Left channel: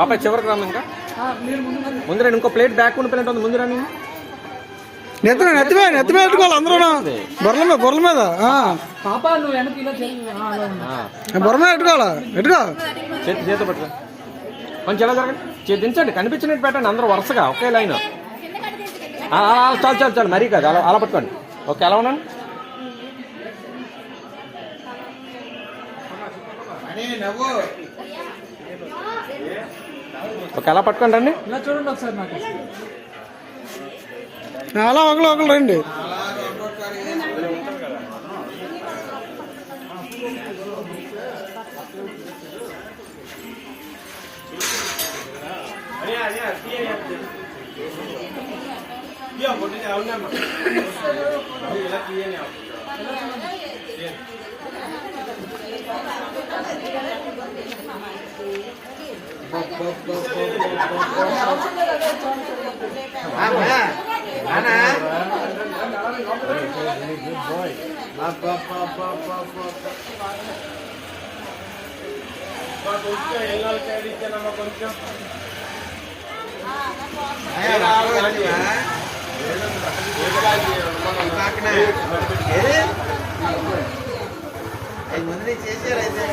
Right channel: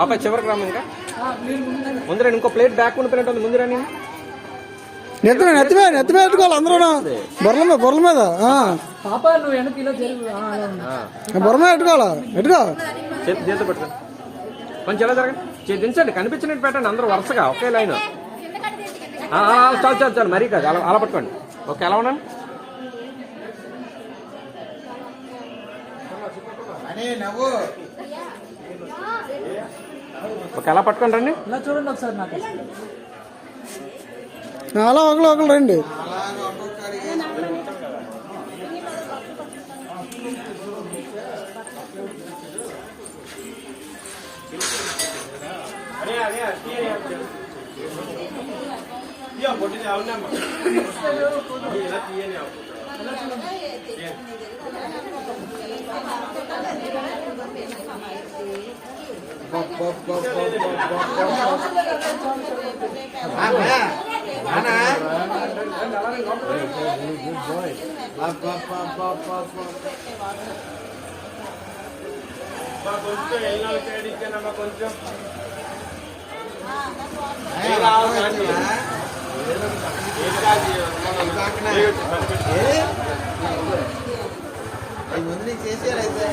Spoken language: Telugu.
పాప చివరికి రాను ఇంకా ముందు రండి, ఇంకో ప్లేట్ బ్యాక్ ఉన్న ప్లేట్ ఉంది ముందు రండి. నెత్తిమే పెట్టుకోవాలి అందరూ బొర్ర మీద బొర్ర మీద పెట్టుకో చేత పెట్టు కొంచెం ఎలా జరగండి, దించండి కనిపించినట్టు పెట్టండి అందరూ వరుసగా ఒకే లైన్. చాలు చాలు చాలు మరీ కాదు, అలా పట్టుకోండి. ఓకే ఎలా ఉండండి. ఓకే అలా పట్టుకోండి రండి. చూడండి ఒకసారి నాకు అలా ఒకళ్ళు రండి. కొంచెం చేసారైతే